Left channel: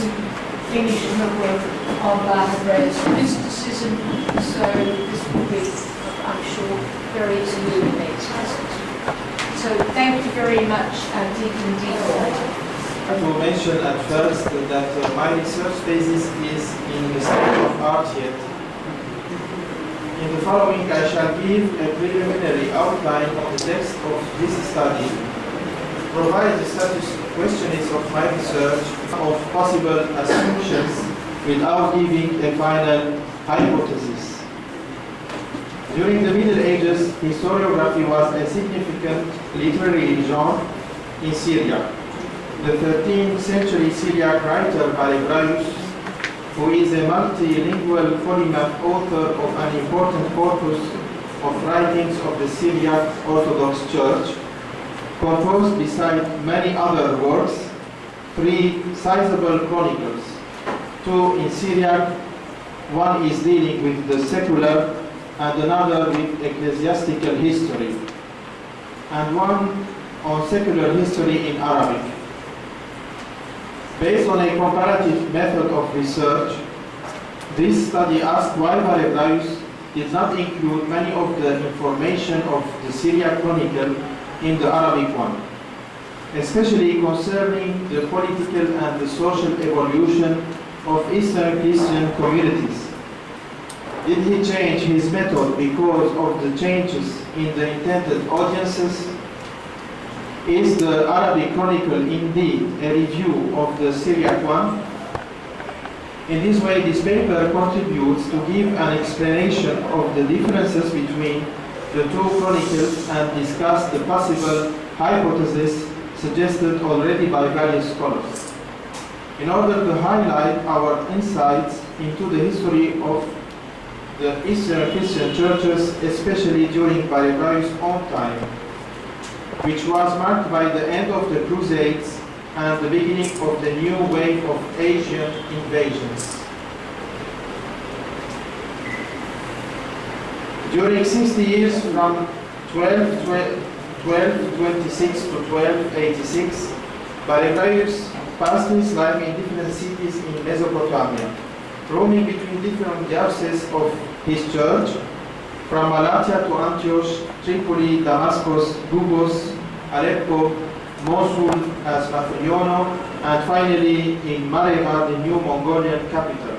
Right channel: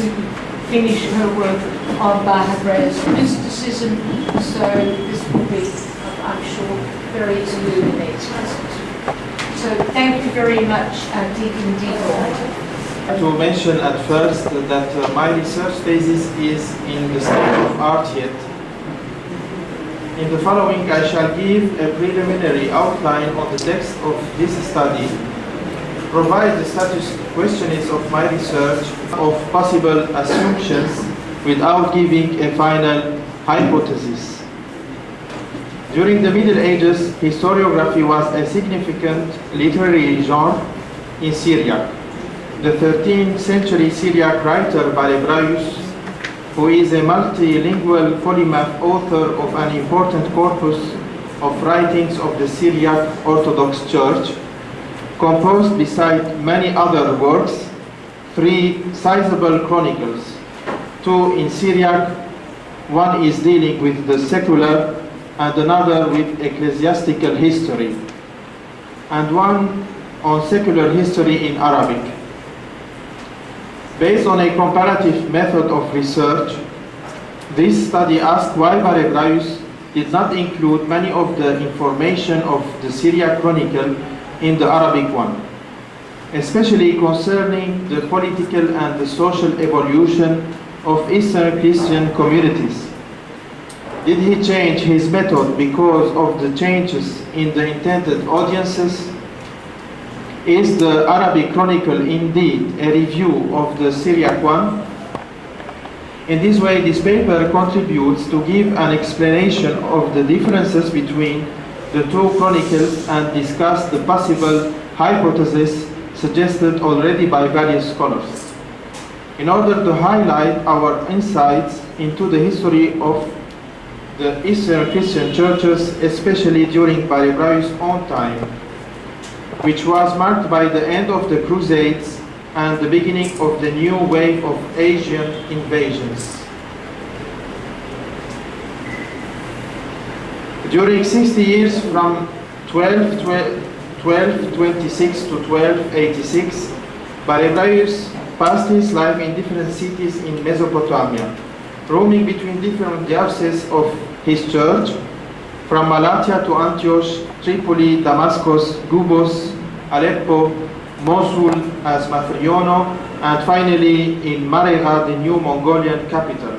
to finish her work on Barhebraeus mysticism, so this will be, I'm sure, very illuminating. So thank you very much, Deacon Dibo. To mention at first that my research thesis is in the state of art yet. In the following, I shall give a preliminary outline on the text of this study, provide the status questions of my research of possible assumptions without giving a final hypothesis. During the Middle Ages, historiography was a significant literary genre in Syria. The 13th century Syriac writer Barhebraeus, who is a multilingual polymath author of an important corpus of writings of the Syriac Orthodox Church, composed beside many other works, 3 sizable chronicles. 2 in Syriac, one is dealing with the secular and another with ecclesiastical history, and one on secular history in Arabic. Based on a comparative method of research, this study asked why Barhebraeus did not include many of the information of the Syriac Chronicle in the Arabic one, especially concerning the political and the social evolution of Eastern Christian communities. Did he change his method because of the changes in the intended audiences? Is the Arabic Chronicle indeed a review of the Syriac one? In this way, this paper contributes to give an explanation of the differences between the 2 chronicles and discuss the possible hypotheses suggested already by various scholars. In order to highlight our insights into the history of the Eastern Christian churches, especially during Barhebraeus' own time, which was marked by the end of the Crusades and the beginning of the new wave of Asian invasions. During 60 years from 1226 to 1286, Barhebraeus passed his life in different cities in Mesopotamia, roaming between different dioceses of his church, from Malatya to Antioch, Tripoli, Damascus, Gubos, Aleppo, Mosul as Matriono, and finally in Marega, the new Mongolian capital,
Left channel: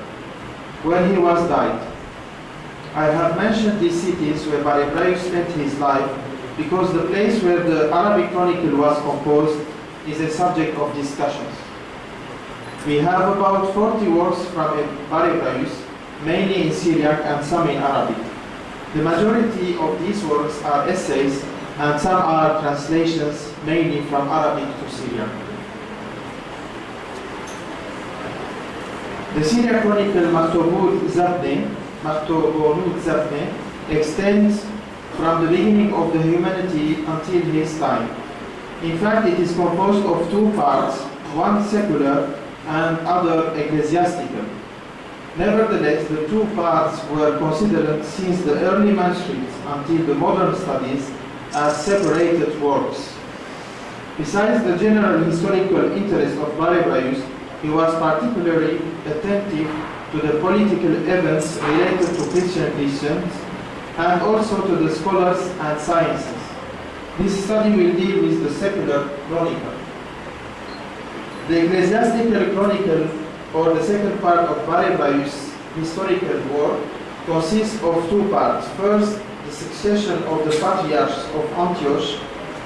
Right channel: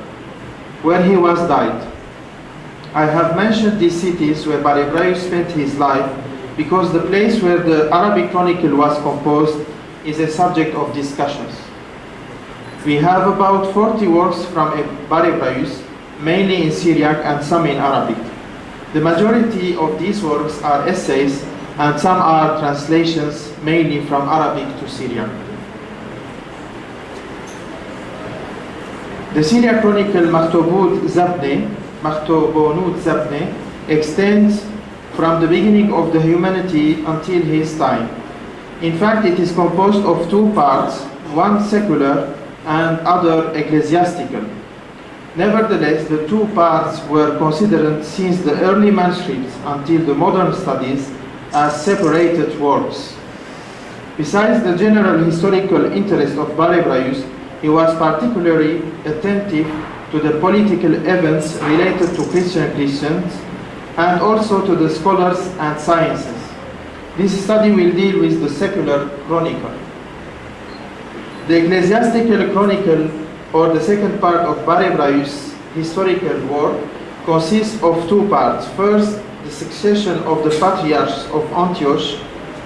where he was died. I have mentioned these cities where Barhebraeus spent his life because the place where the Arabic Chronicle was composed is a subject of discussions. We have about 40 works from Barhebraeus, mainly in Syriac and some in Arabic. The majority of these works are essays and some are translations, mainly from Arabic to Syriac. The Syriac Chronicle Maktubut Zabne extends from the beginning of the humanity until his time. In fact, it is composed of 2 parts, one secular and other ecclesiastical. Nevertheless, the 2 parts were considered since the early manuscripts until the modern studies as separated works. Besides the general historical interest of Barhebraeus, he was particularly attentive to the political events related to Christians and also to the scholars and sciences. This study will deal with the secular chronicle. The ecclesiastical chronicle, or the second part of Barhebraeus' historical work, consists of 2 parts. First, the succession of the patriarchs of Antioch,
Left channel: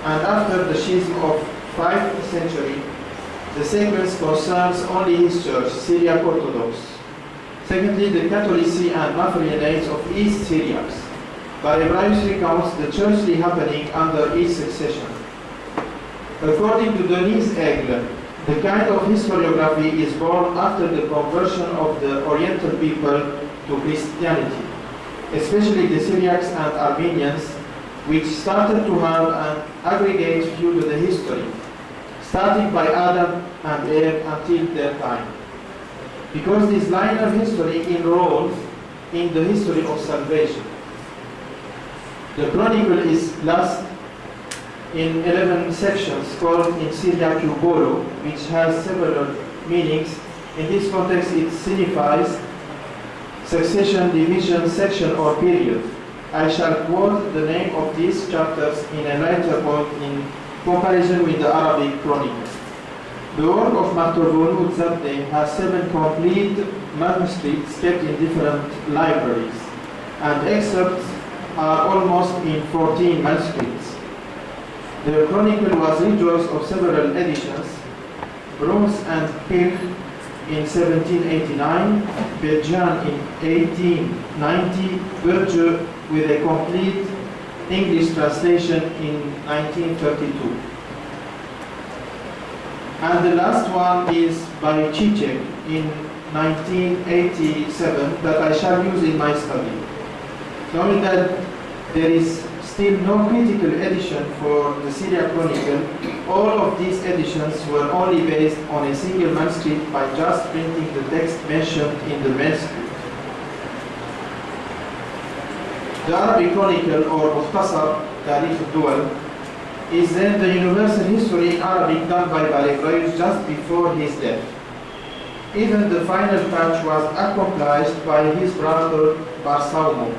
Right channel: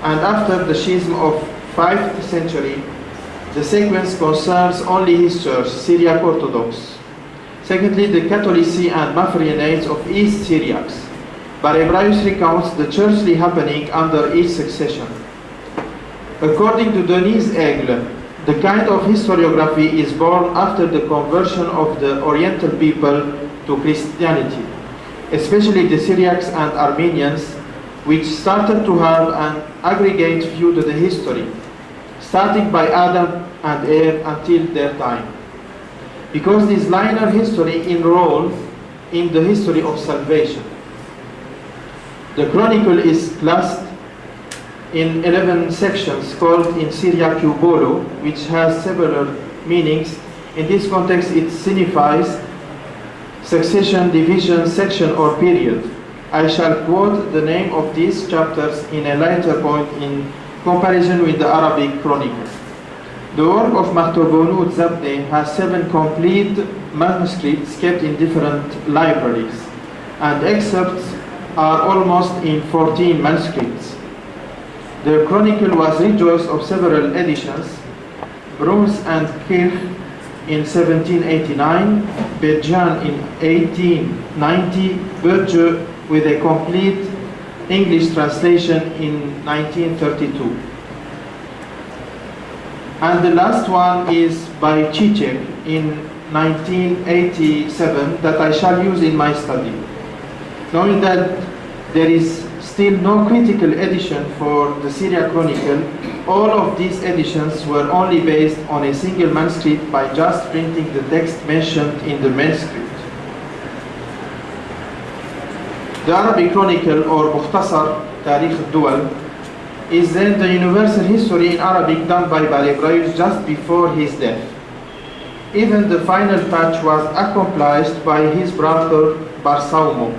and after the schism of 5th century, the sequence concerns only his church, Syriac Orthodox. Secondly, the Catholici and Mafrianites of East Syriacs. Barhebraeus recounts the churchly happening under each succession. According to Denise Aigle, the kind of historiography is born after the conversion of the Oriental people to Christianity, especially the Syriacs and Armenians, which started to have an aggregate view to the history, starting by Adam and Eve until their time. Because this linear history enrolled in the history of salvation. The chronicle is classed in 11 sections called in Syriac Bolo, which has several meanings, In this context, it signifies succession, division, section, or period. I shall quote the name of these chapters in a later point in comparison with the Arabic Chronicles. The work of Martobonu Zabde has 7 complete manuscripts kept in different libraries, and excerpts are almost in 14 manuscripts. The Chronicle was rejoiced of several editions: Bruns and Kirch in 1789, Bejan in 1890, Berge with a complete English translation in 1932. And the last one is by Chichek in 1987 that I shall use in my study. Knowing that there is still no critical edition for the Syriac Chronicle, all of these editions were only based on a single manuscript by just printing the text mentioned in the manuscript. The Arabic Chronicle, or Mukhtasar Tarikh al-Duwal, is then the universal history in Arabic done by Barhebraeus just before his death. Even the final patch was accomplished by his brother Barsaumo.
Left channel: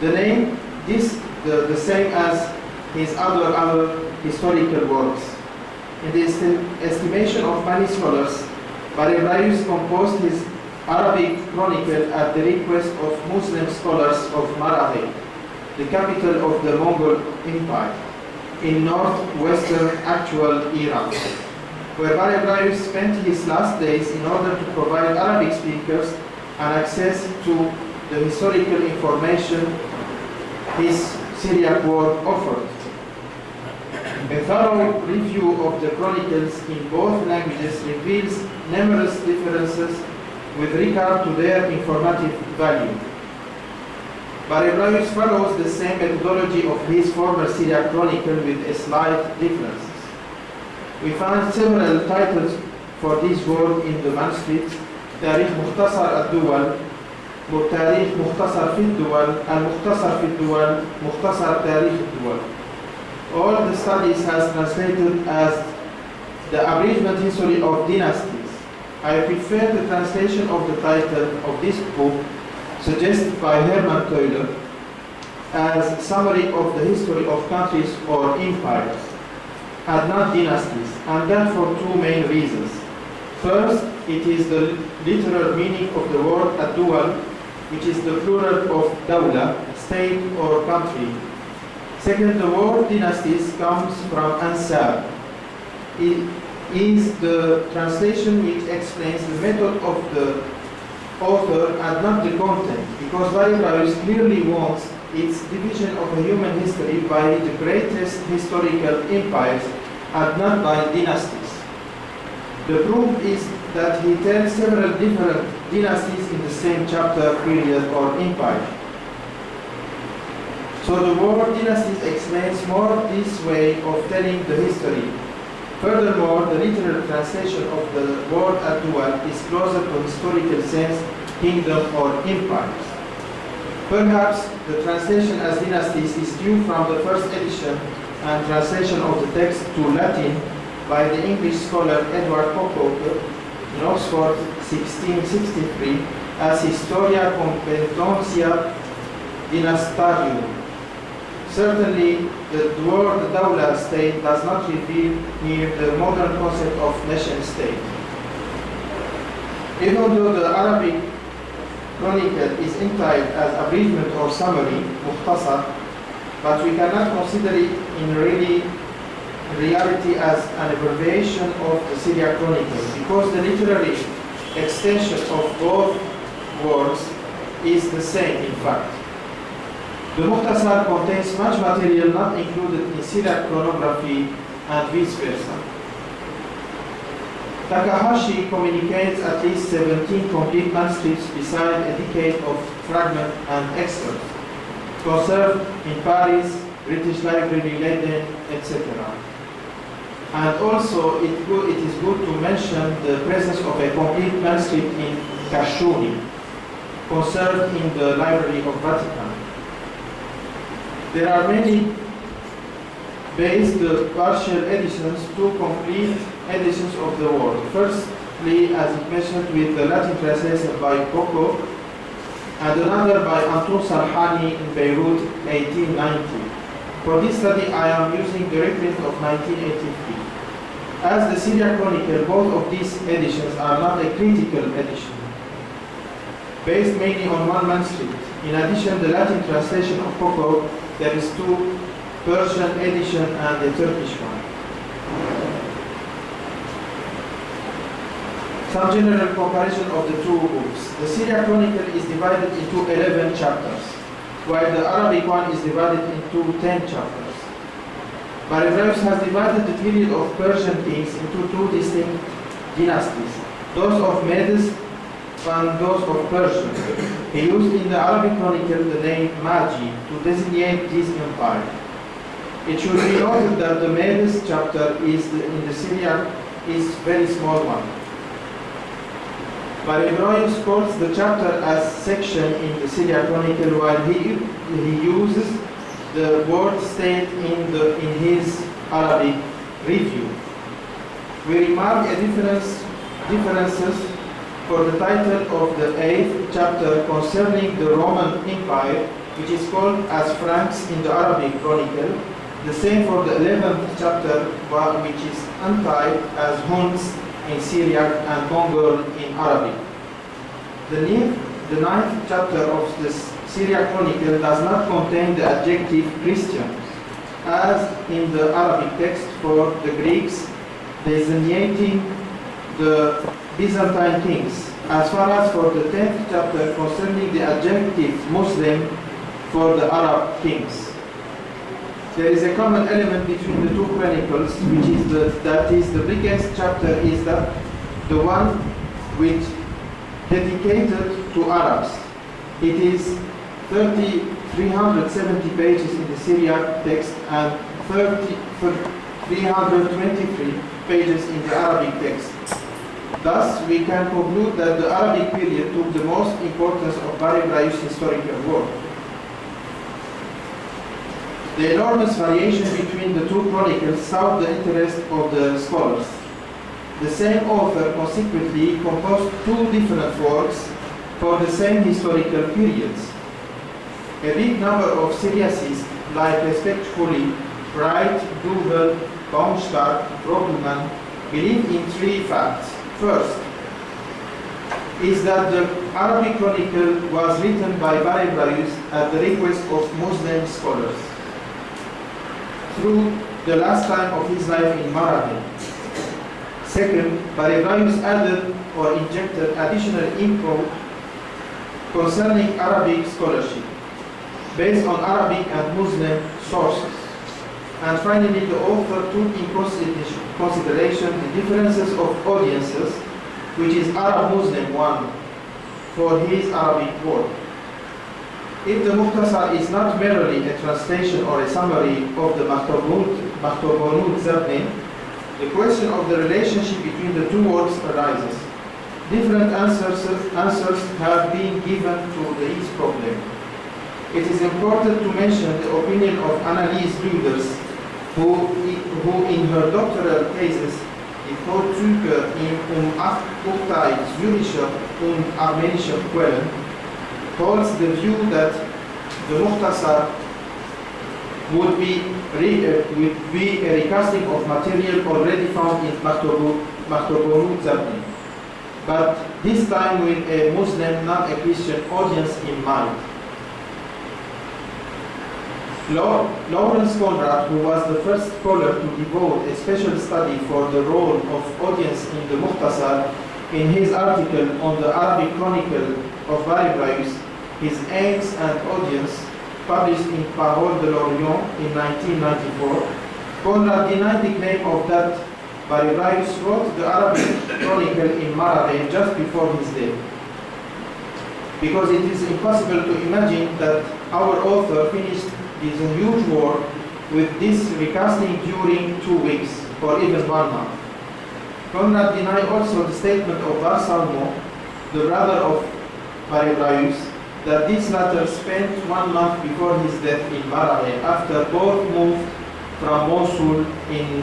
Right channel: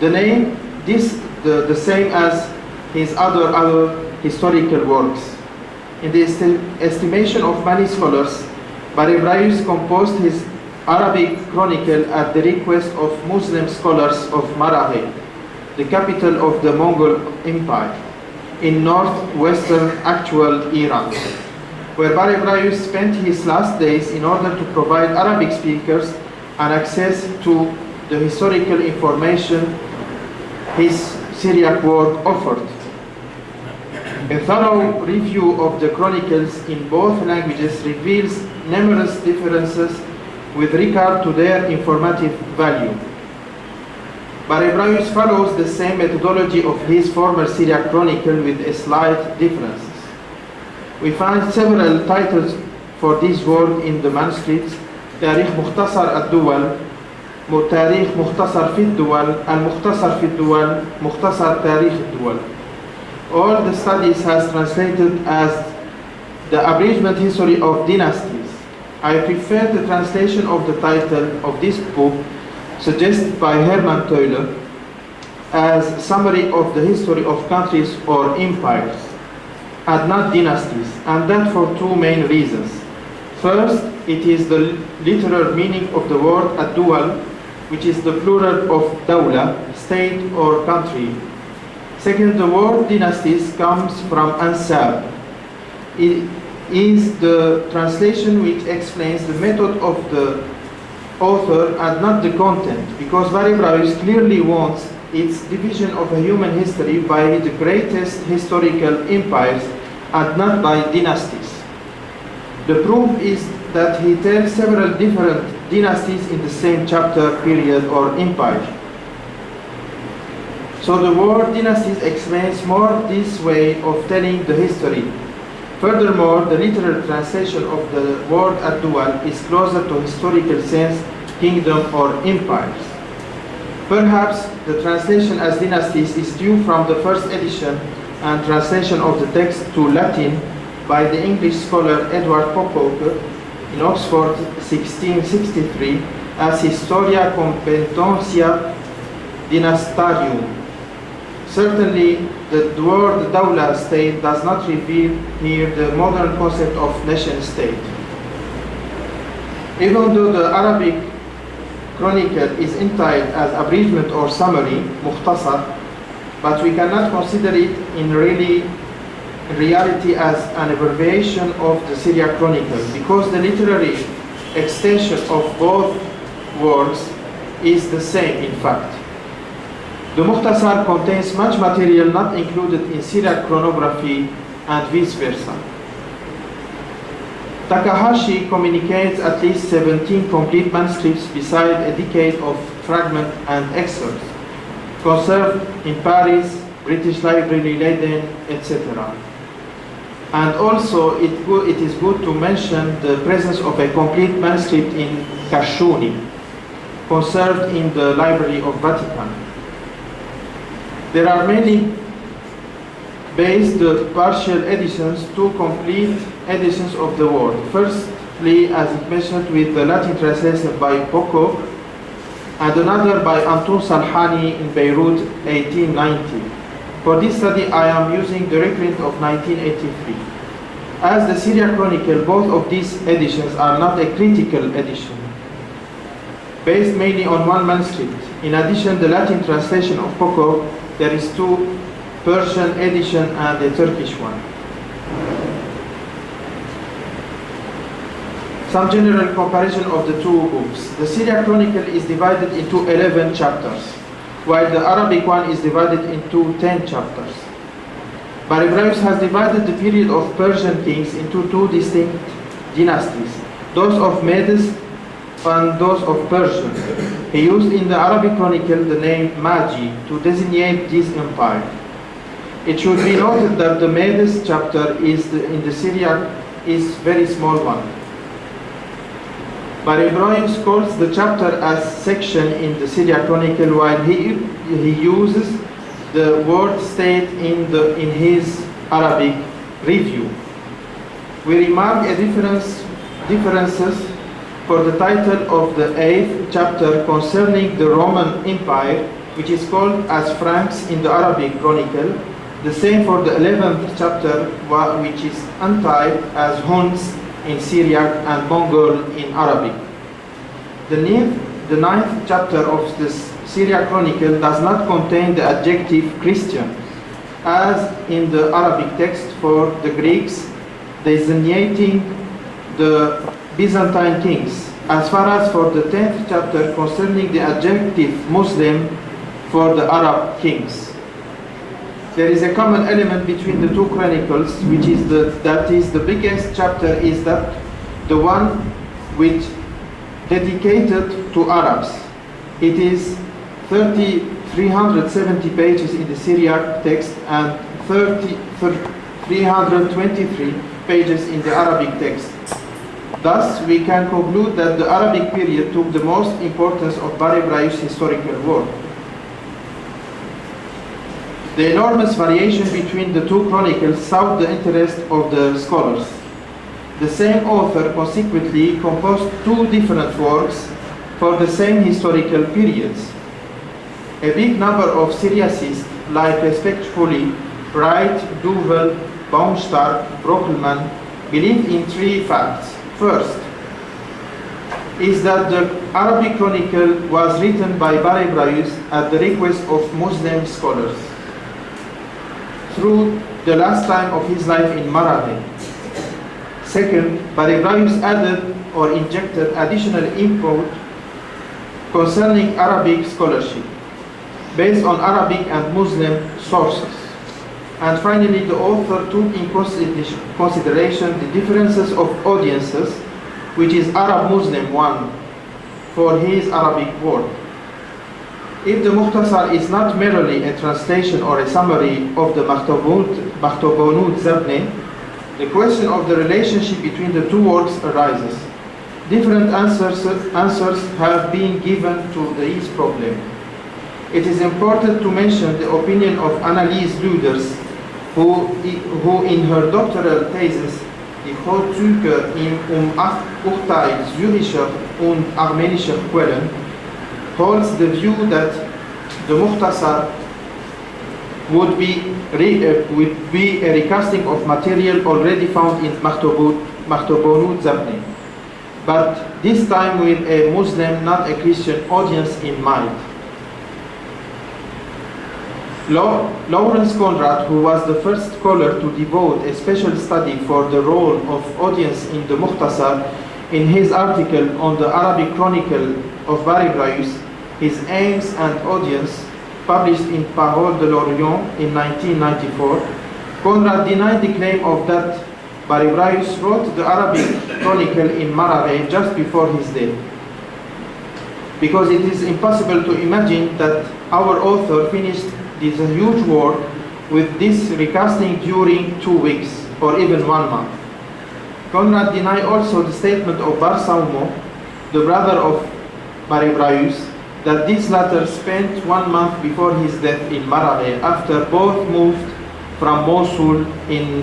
The name is the same as his other historical works. In the estimation of many scholars, Barhebraeus composed his Arabic Chronicle at the request of Muslim scholars of Maraghe, the capital of the Mongol Empire, in northwestern actual Iran, where Barhebraeus spent his last days in order to provide Arabic speakers an access to the historical information his Syriac work offered. A thorough review of the Chronicles in both languages reveals numerous differences with regard to their informative value. Barhebraeus follows the same methodology of his former Syriac Chronicle with slight differences. We find several titles for this work in the manuscripts: Tarikh Mukhtasar al-Duwal, Tarikh Mukhtasar fi al-Duwal, Al-Mukhtasar fi al-Duwal, Mukhtasar Tarikh al-Duwal. All the studies has translated as the abridgment history of dynasties. I prefer the translation of the title of this book suggested by Hermann Teuler as summary of the history of countries or empires, and not dynasties, and that for 2 main reasons. First, it is the literal meaning of the word ad-duwal, which is the plural of dawla, state or country. Second, the word dynasties comes from ansab. It is the translation which explains the method of the author and not the content, because Barhebraeus clearly wants its division of a human history by the greatest historical empires and not by dynasties. The proof is that he tells several different dynasties in the same chapter, period, or empire. So the word dynasties explains more this way of telling the history. Furthermore, the literal translation of the word ad-duwal is closer to historical sense, kingdom or empires. Perhaps the translation as dynasties is due from the first edition and translation of the text to Latin by the English scholar Edward Pocock in Oxford 1663 as Historia Competentia Dynastarium. Certainly, the word Dawla, state, does not reveal here the modern concept of nation-state. Even though the Arabic Chronicle is entitled as abridgment or summary, Mukhtasar, but we cannot consider it in reality as an abbreviation of the Syriac Chronicle, because the literary extension of both words is the same in fact. The Mukhtasar contains much material not included in Syriac chronography and vice versa. Takahashi communicates at least 17 complete manuscripts beside a decade of fragment and excerpts, conserved in Paris, British Library, Leiden, etc. And also it is good to mention the presence of a complete manuscript in Kashuni, conserved in the Library of Vatican. There are many based partial editions, 2 complete editions of the work. First, as it mentioned, with the Latin translation by Bocco, and another by Anton Salhani in Beirut, 1890. For this study, I am using the reprint of 1983. As the Syriac Chronicle, both of these editions are not a critical edition, based mainly on one manuscript. In addition, the Latin translation of Bocco, there is two Persian edition and a Turkish one. Some general comparison of the two books. The Syriac Chronicle is divided into 11 chapters, while the Arabic one is divided into 10 chapters. Barhebraeus has divided the period of Persian kings into two distinct dynasties, those of Medes and those of Persia. He used in the Arabic Chronicle the name Magi to designate this empire. It should be noted that the Medes chapter in the Syriac is very small one. Barhebraeus calls the chapter as section in the Syriac Chronicle, while he uses the word state in his Arabic review. We remark a differences for the title of the 8th chapter concerning the Roman Empire, which is called as Franks in the Arabic Chronicle. The same for the 11th chapter, which is untyped as Huns in Syriac and Mongol in Arabic. The 9th chapter of the Syriac Chronicle does not contain the adjective Christian, as in the Arabic text for the Greeks, designating the Byzantine kings, as far as for the 10th chapter concerning the adjective Muslim for the Arab kings. There is a common element between the two chronicles, which is the biggest chapter is that the one which dedicated to Arabs. It is 370 pages in the Syriac text and 323 pages in the Arabic text. Thus, we can conclude that the Arabic period took the most importance of Barhebraeus' historical work. The enormous variation between the two chronicles sought the interest of the scholars. The same author consequently composed two different works for the same historical periods. A big number of Syriacists, like respectfully Wright, Duvel, Baumstark, Brockelmann, believe in three facts. First, is that the Arabic Chronicle was written by Barhebraeus at the request of Muslim scholars through the last time of his life in Maraghe. Second, Barhebraeus added or injected additional input concerning Arabic scholarship based on Arabic and Muslim sources. And finally, the author took in consideration the differences of audiences, which is Arab-Muslim one, for his Arabic work. If the Mukhtasar is not merely a translation or a summary of the Makhtubunut Zabni, the question of the relationship between the two works arises. Different answers have been given to this problem. It is important to mention the opinion of Annelies Luders, who in her doctoral thesis, Die Vorzüge in Urteil Syrischer und Armenischer Quellen, holds the view that the Mukhtasar would be a recasting of material already found in Makhtubunut Zabni, but this time with a Muslim, not a Christian audience in mind. Lawrence Conrad, who was the first scholar to devote a special study for the role of audience in the Mukhtasar, in his article on the Arabic Chronicle of Barhebraeus, his aims and audience, published in Parole de l'Orient in 1994, Conrad denied the claim of that Barhebraeus wrote the Arabic Chronicle in Maraghe just before his death, because it is impossible to imagine that our author finished this huge work with this recasting during 2 weeks or even 1 month. Conrad denied also the statement of Bar Salmo, the brother of Barhebraeus, that this latter spent 1 month before his death in Maraghe after both moved from Mosul in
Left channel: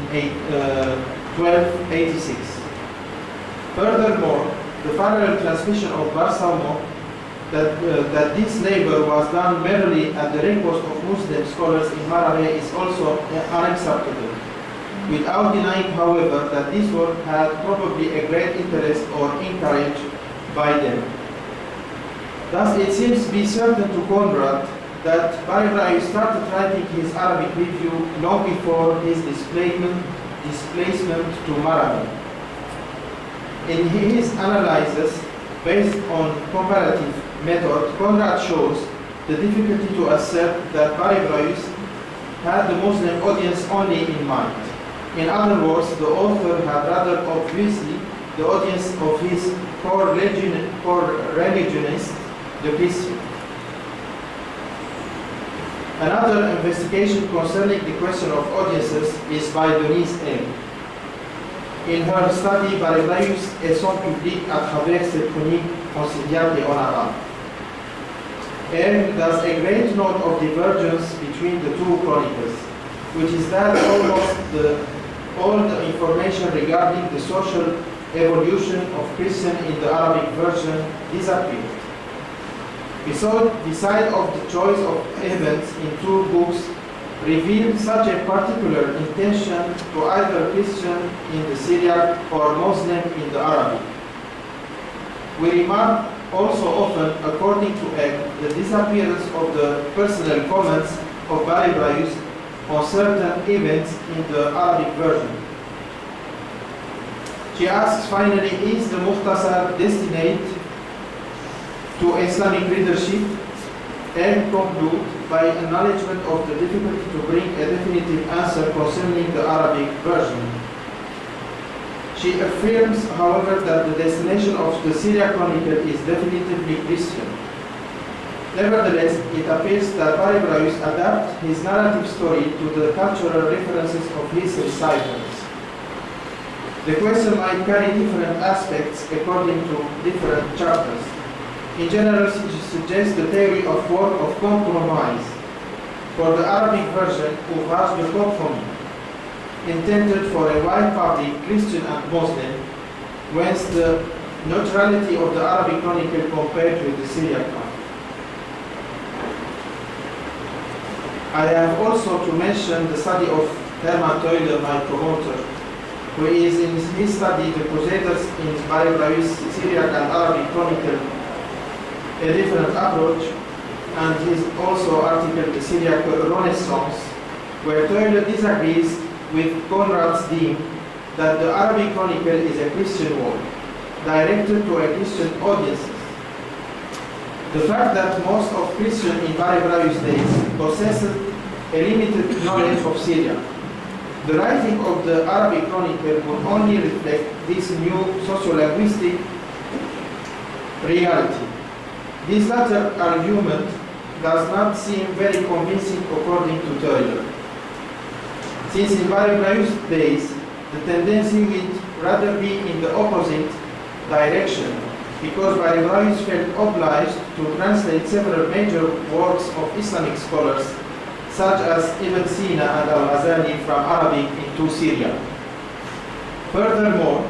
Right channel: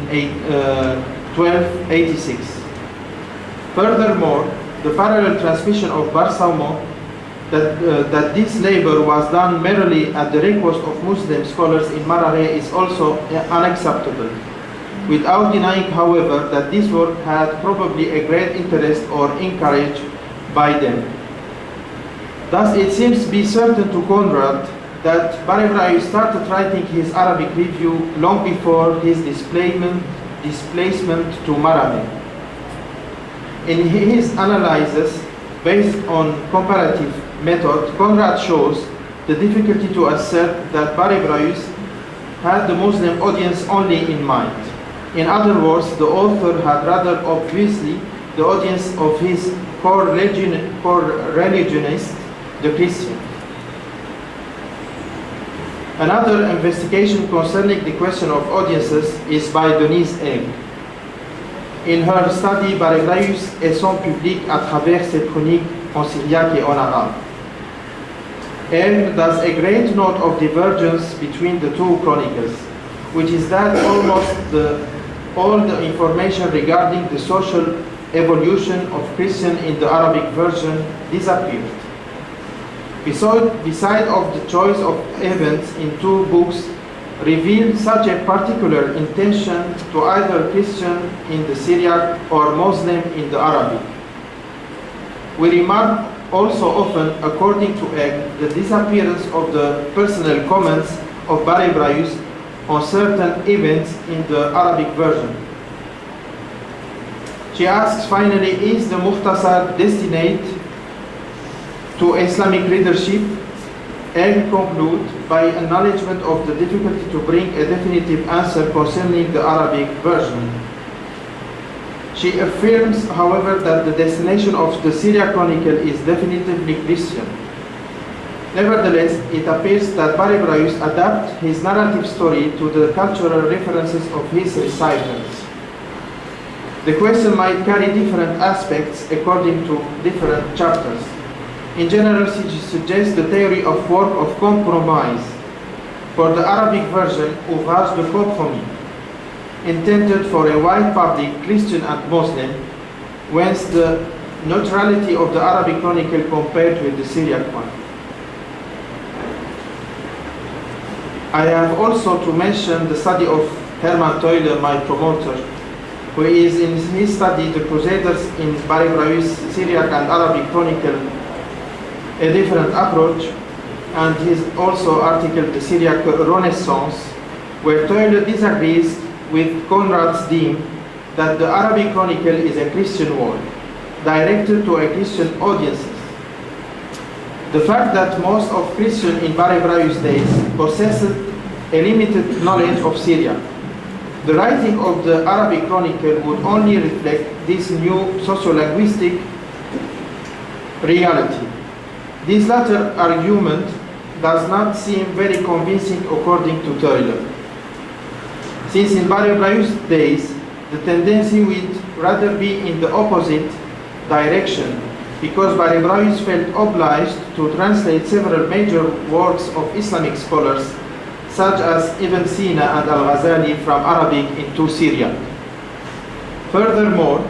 1286. Furthermore, the parallel transmission of Barsalmo that this labor was done merely at the request of Muslim scholars in Maraghe is also unacceptable, without denying, however, that this work had probably a great interest or encouraged by them. Thus, it seems to be certain to Conrad that Barhebraeus started writing his Arabic review long before his displacement to Maraghe. In his analysis, based on comparative method, Conrad shows the difficulty to assert that Barhebraeus had the Muslim audience only in mind. In other words, the author had rather obviously the audience of his core religionist, the Christian. Another investigation concerning the question of audiences is by Denise Egg. In her study Barhebraeus et son public à travers ses chroniques en syriac et en arabe, Egg does a great note of divergence between the two chronicles, which is that almost all the information regarding the social evolution of Christian in the Arabic version disappeared. Beside of the choice of events in two books revealed such a particular intention to either Christian in the Syriac or Muslim in the Arabic. We remark also often, according to Egg, the disappearance of the personal comments of Barhebraeus on certain events in the Arabic version. She asks finally, is the Mukhtasar destined to Islamic readership? And conclude by acknowledgement of the difficulty to bring a definitive answer concerning the Arabic version. She affirms, however, that the destination of the Syriac Chronicle is definitively Christian. Nevertheless, it appears that Barhebraeus adapted his narrative story to the cultural references of his recitals. The question might carry different aspects according to different chapters. In general, she suggests the theory of work of compromise for the Arabic version, ouvrage de compromis, intended for a wide public, Christian and Muslim, whence the neutrality of the Arabic chronicle compared with the Syriac one. I have also to mention the study of Hermann Teuler, my promoter, who is in his study the Crusaders in Barhebraeus, Syriac and Arabic chronicle, a different approach, and his also article the Syriac Renaissance, where Teuler disagrees with Conrad's theme that the Arabic chronicle is a Christian work, directed to a Christian audiences. The fact that most of Christians in Barhebraeus' days possessed a limited knowledge of Syria. The writing of the Arabic chronicle would only reflect this new socio-linguistic reality. This latter argument does not seem very convincing according to Teuler, since in Barhebraeus' days the tendency would rather be in the opposite direction, because Barhebraeus felt obliged to translate several major works of Islamic scholars, such as Ibn Sina and Al-Ghazali, from Arabic into Syriac. Furthermore,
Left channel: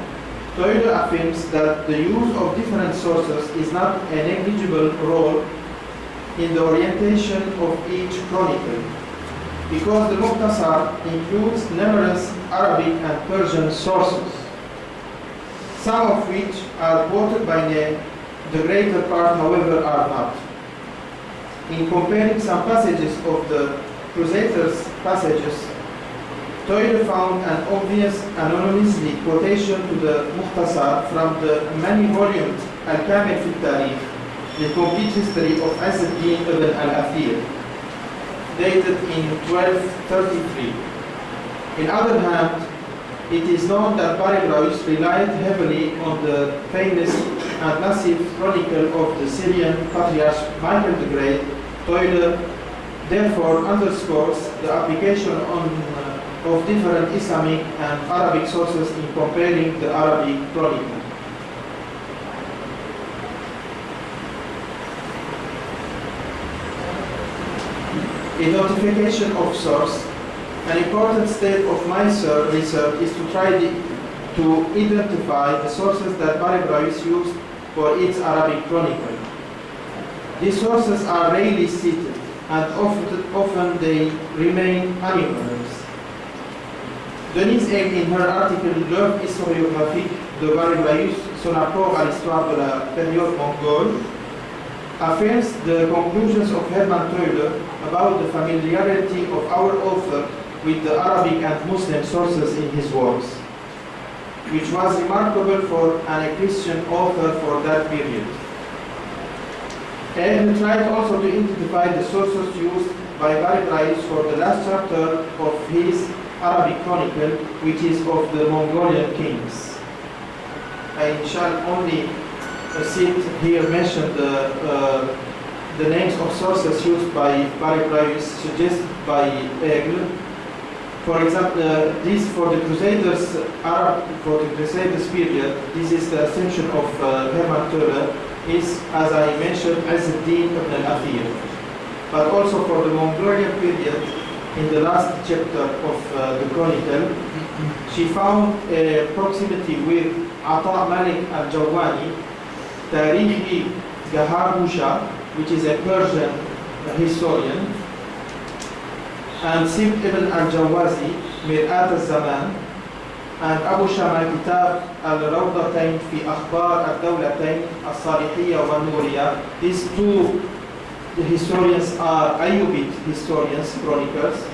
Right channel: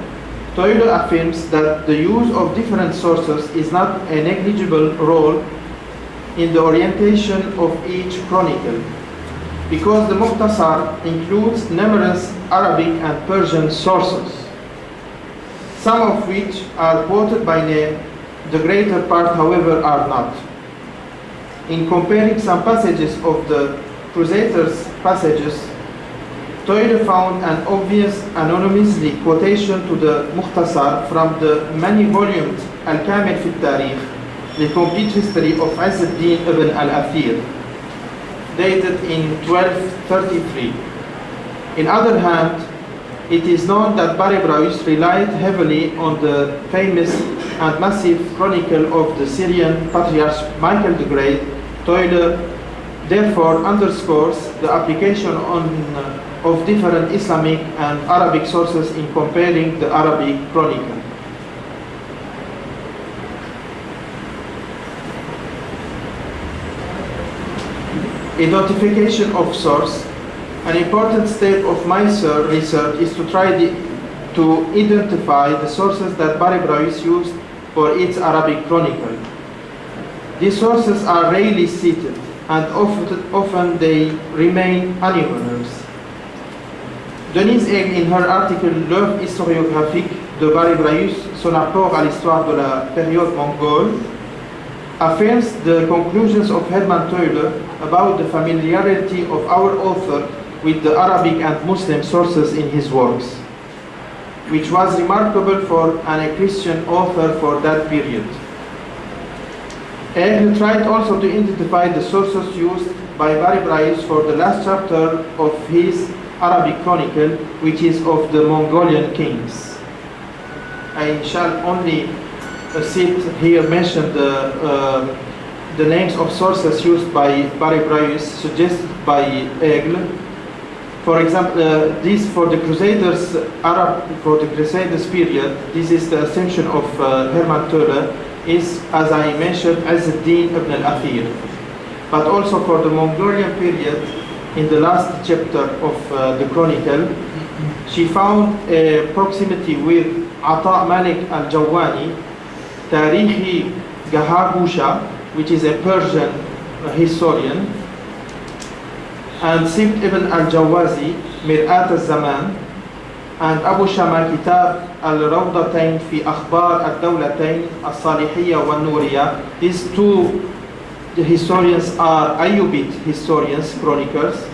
Teuler affirms that the use of different sources is not a negligible role in the orientation of each chronicle, because the Mukhtasar includes numerous Arabic and Persian sources, some of which are quoted by name, the greater part, however, are not. In comparing some passages of the Crusaders' passages, Teuler found an obvious anonymously quotation to the Mukhtasar from the many-volumed Al-Kamil fi al-Tarikh, the complete history of Izz-ad-Din ibn al-Athir, dated in 1233. In other hand, it is known that Barhebraeus relied heavily on the famous and massive chronicle of the Syrian Patriarch Michael the Great. Teuler therefore underscores the application of different Islamic and Arabic sources in comparing the Arabic chronicle. Identification of source. An important step of my research is to to identify the sources that Barhebraeus used for its Arabic chronicle. These sources are rarely cited, and often they remain anonymous. Denise Egg, in her article L'œuvre historiographique de Barhebraeus, son apport à l'histoire de la période mongole, affirms the conclusions of Hermann Teuler about the familiarity of our author with the Arabic and Muslim sources in his works, which was remarkable for a Christian author for that period. Egg tried also to identify the sources used by Barhebraeus for the last chapter of his Arabic chronicle, which is of the Mongolian kings. I shall only mention the names of sources used by Barhebraeus suggested by Aigle. For example, this for the Crusaders period, this is the ascension of Hermann Teuler, is, as I mentioned, Izz-ad-Din ibn al-Athir. But also for the Mongolian period, in the last chapter of the chronicle, she found a proximity with Ata Malik al-Jawani, Tarihi Gahabusha, which is a Persian historian, and Sibt ibn al-Jawazi, Mir'at al-Zaman, and Abu Shama Kitab al-Rawdatayn fi Akhbar al-Dawlatayn al-Salihiyya wa Nuriya. These two historians are Ayyubid historians, chroniclers,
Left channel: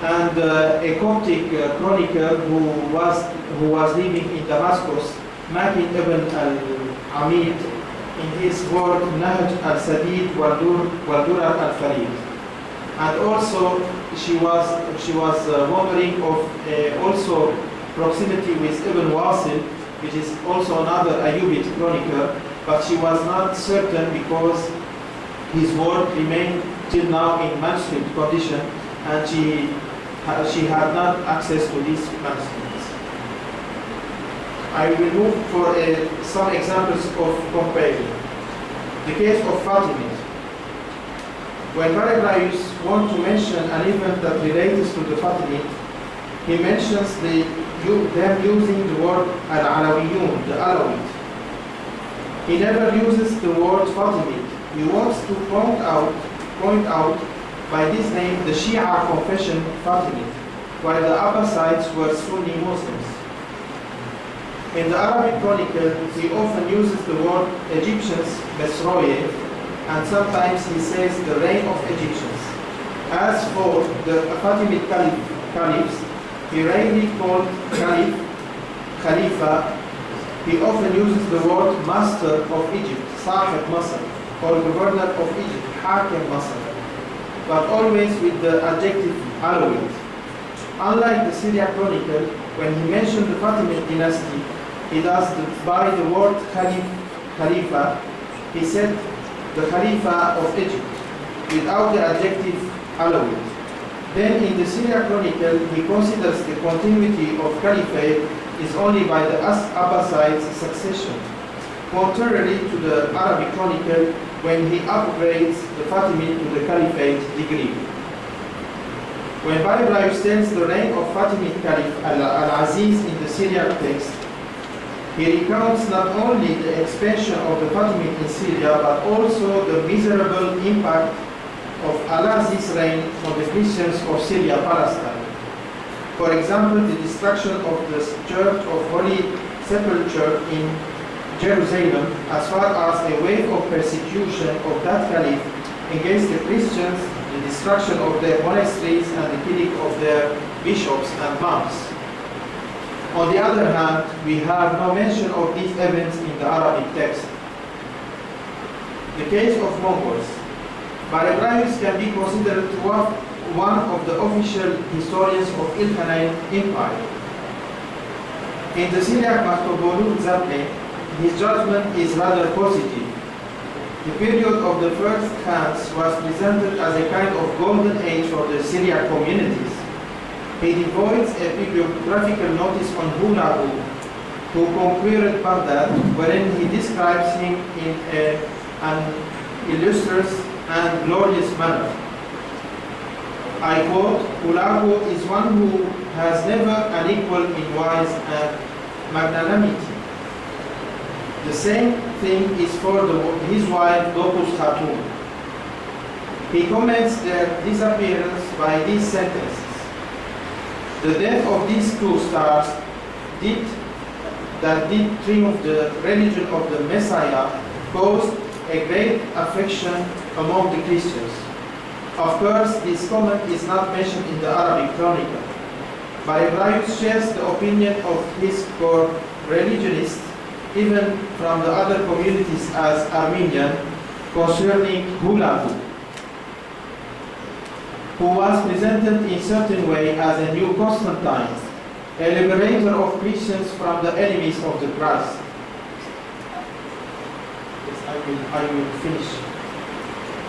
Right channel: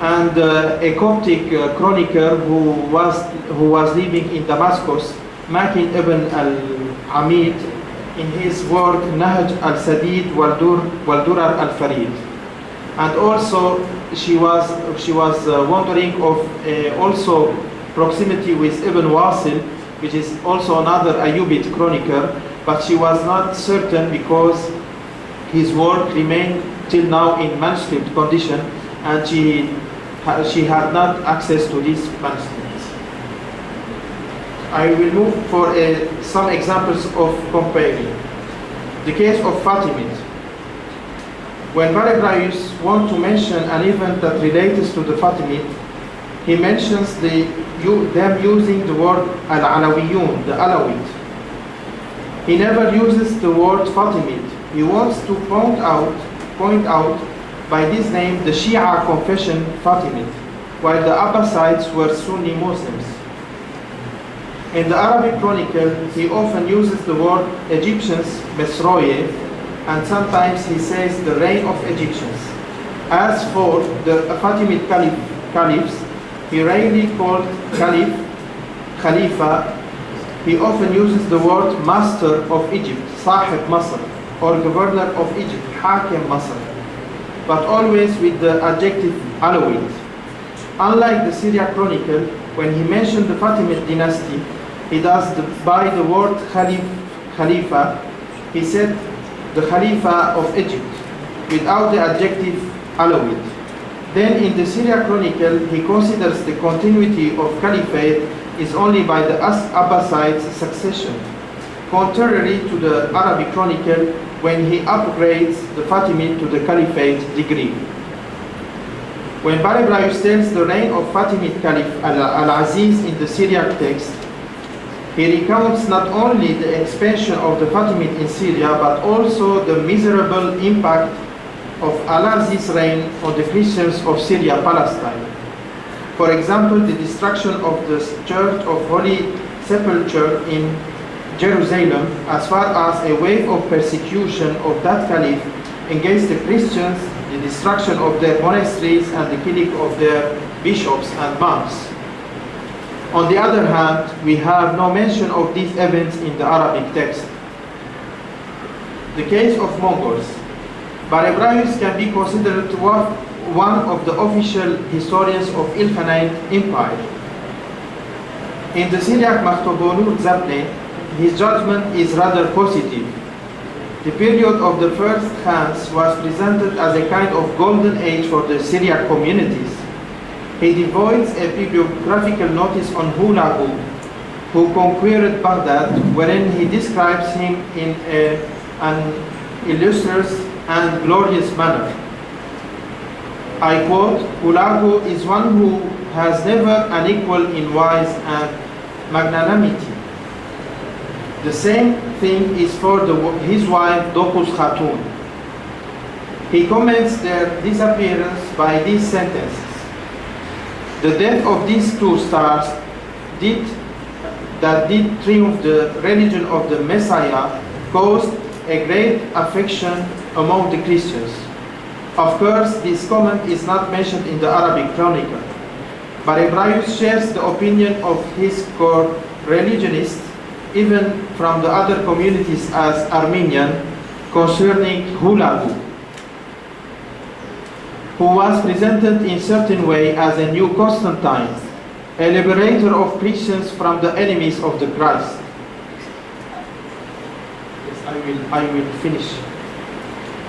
and a Coptic chronicler who was living in Damascus, Makin ibn al-Hamid, in his work Nahj al-Sadid wal-Durar al-Farid. And also she was wondering of also proximity with Ibn Wasil, which is also another Ayyubid chronicler, but she was not certain because his work remained till now in manuscript condition, and she had not access to these manuscripts. I will move for some examples of comparing. The case of Fatimid. When Barhebraeus wants to mention an event that relates to the Fatimid, he mentions them using the word Al-Alawiyun, the Alawite. He never uses the word Fatimid. He wants to point out by this name the Shia confession Fatimid, while the Abbasides were Sunni Muslims. In the Arabic chronicle, he often uses the word Egyptians, Mesroye, and sometimes he says the reign of Egyptians. As for the Fatimid caliphs, he rarely called caliph, Khalifa. He often uses the word master of Egypt, Sahib Masr, or governor of Egypt, Hakim Masr, but always with the adjective Alawite. Unlike the Syriac chronicle, when he mentioned the Fatimid dynasty, he does by the word Khalifa, he said the Khalifa of Egypt, without the adjective Alawite. Then in the Syriac chronicle, he considers the continuity of caliphate is only by the Abbasides succession, contrary to the Arabic chronicle when he upgrades the Fatimid to the caliphate degree. When Barhebraeus tells the reign of Fatimid Caliph Al-Aziz in the Syriac text, he recounts not only the expansion of the Fatimid in Syria, but also the miserable impact of Al-Aziz's reign on the Christians of Syria, Palestine. For example, the destruction of the Church of Holy Sepulchre in Jerusalem, as far as a wave of persecution of that caliph against the Christians, the destruction of their monasteries, and the killing of their bishops and monks. On the other hand, we have no mention of these events in the Arabic text. The case of Mongols. Barhebraeus can be considered one of the official historians of Ilkhanate Empire. In the Syriac Maktubulu Zabne, his judgment is rather positive. The period of the first Khans was presented as a kind of golden age for the Syriac communities. He devotes a bibliographical notice on Hulagu, who conquered Baghdad, wherein he describes him in an illustrious and glorious manner. I quote, "Hulagu is one who has never an equal in wise and magnanimity." The same thing is for his wife, Dokuz Khatun. He comments their disappearance by these sentences. The death of these two stars did triumph the religion of the Messiah caused a great affection among the Christians. Of course, this comment is not mentioned in the Arabic Chronicle. Barhebraeus shares the opinion of his co-religionists, even from the other communities as Armenian, concerning Hulagu, who was presented in certain way as a new Constantine, a liberator of Christians from the enemies of the Christ. Yes, I will finish.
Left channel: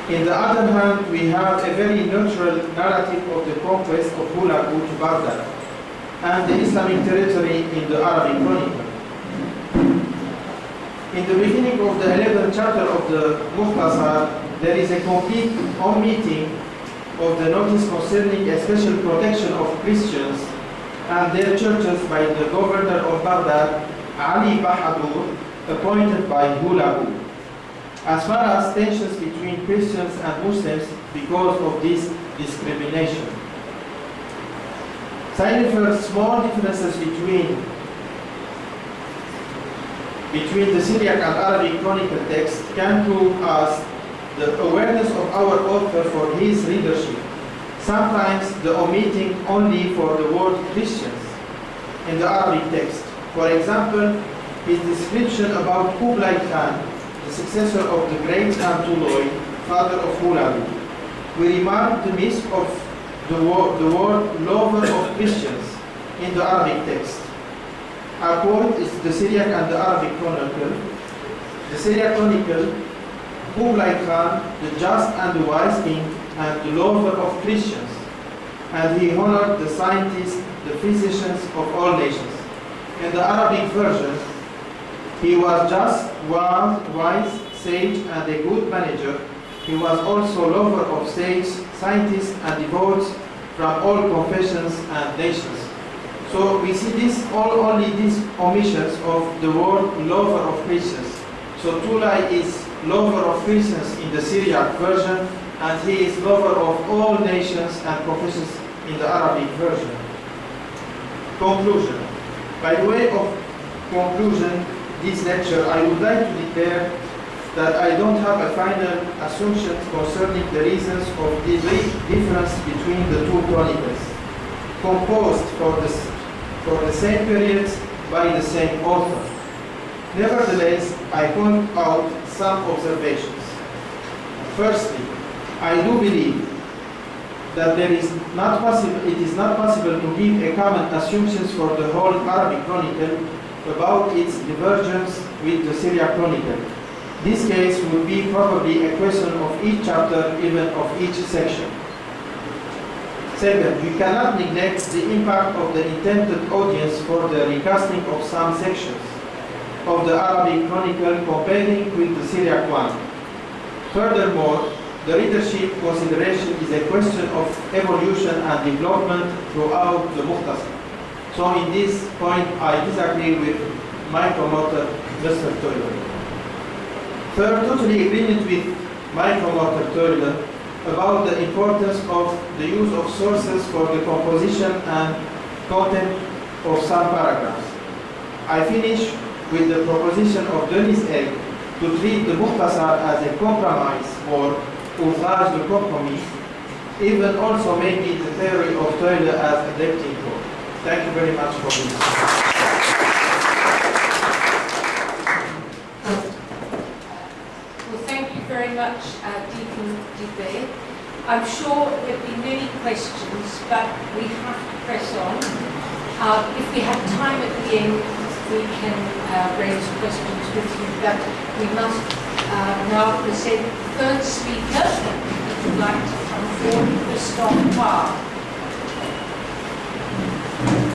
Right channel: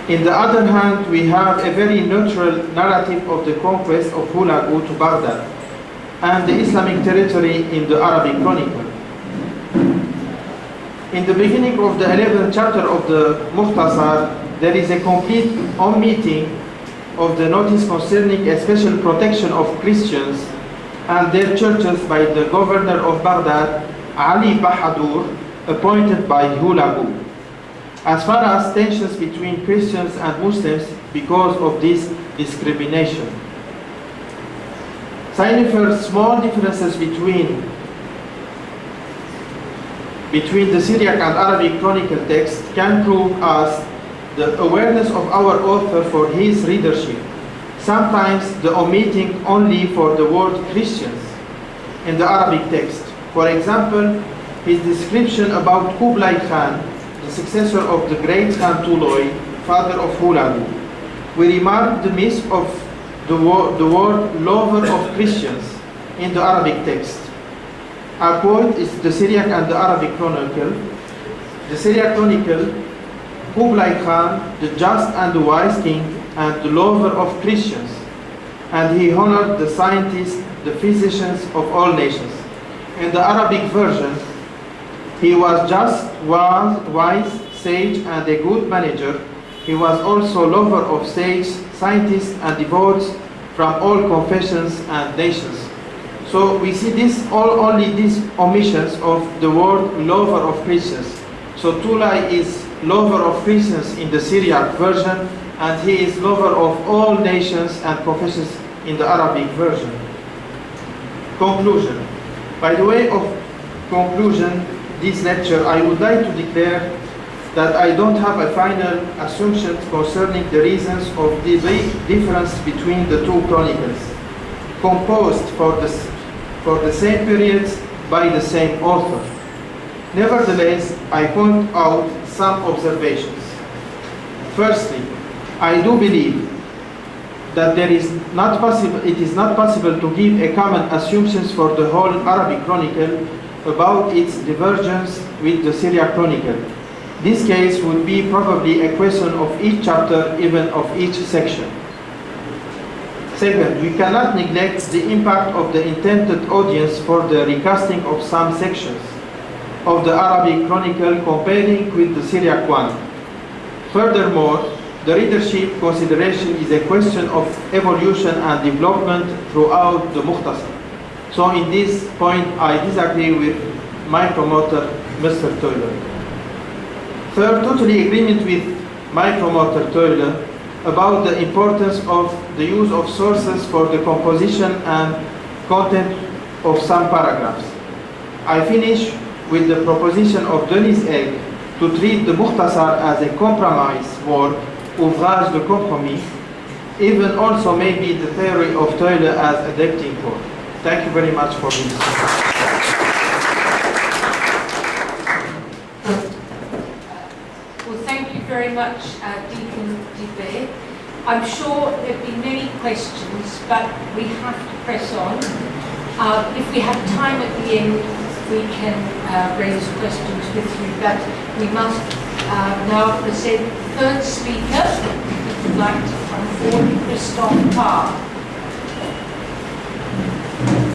In the other hand, we have a very neutral narrative of the conquest of Hulagu to Baghdad and the Islamic territory in the Arabic Chronicle. In the beginning of the 11th chapter of the Mukhtasar, there is a complete omitting of the notice concerning a special protection of Christians and their churches by the governor of Baghdad, Ali Bahadur, appointed by Hulagu, as far as tensions between Christians and Muslims because of this discrimination. Ciphering small differences between the Syriac and Arabic Chronicle text can prove us the awareness of our author for his readership, sometimes the omitting only for the word Christians in the Arabic text. For example, his description about Kublai Khan, the successor of the great Khan Tuloy, father of Hulagu. We remark the miss of the word lover of Christians in the Arabic text. Our quote is the Syriac and the Arabic Chronicle. The Syriac Chronicle, Kublai Khan, the just and the wise king, and the lover of Christians, and he honored the scientists, the physicians of all nations. In the Arabic version, he was just, wise, sage, and a good manager. He was also lover of sage, scientists, and devotees from all confessions and nations. So we see only these omissions of the word lover of Christians. So Tulay is lover of Christians in the Syriac version, and he is lover of all nations and confessions in the Arabic version. Conclusion. By the way of conclusion, this lecture, I would like to declare that I don't have a final assumption concerning the reasons of the big difference between the two chronicles, composed for the same periods by the same author. Nevertheless, I point out some observations. Firstly, I do believe that it is not possible to give a common assumptions for the whole Arabic Chronicle about its divergence with the Syriac Chronicle. This case would be probably a question of each chapter, even of each section. Second, we cannot neglect the impact of the intended audience for the recasting of some sections of the Arabic Chronicle comparing with the Syriac one. Furthermore, the readership consideration is a question of evolution and development throughout the Mukhtasar. So in this point, I disagree with my promoter, Mr. Toiler. Third, totally agreement with my promoter, Toiler, about the importance of the use of sources for the composition and content of some paragraphs. I finish with the proposition of Denis Egg to treat the Mukhtasar as a compromise work, ouvrage de compromis, even also maybe the theory of Toiler as adapting code. Thank you very much for this. Well, thank you very much, Deacon Dibo. I'm sure there'll be many questions, but we have to press on. If we have time at the end, we can raise questions with you, but we must now present the third speaker, if you'd like to come forward, Christophe Parr.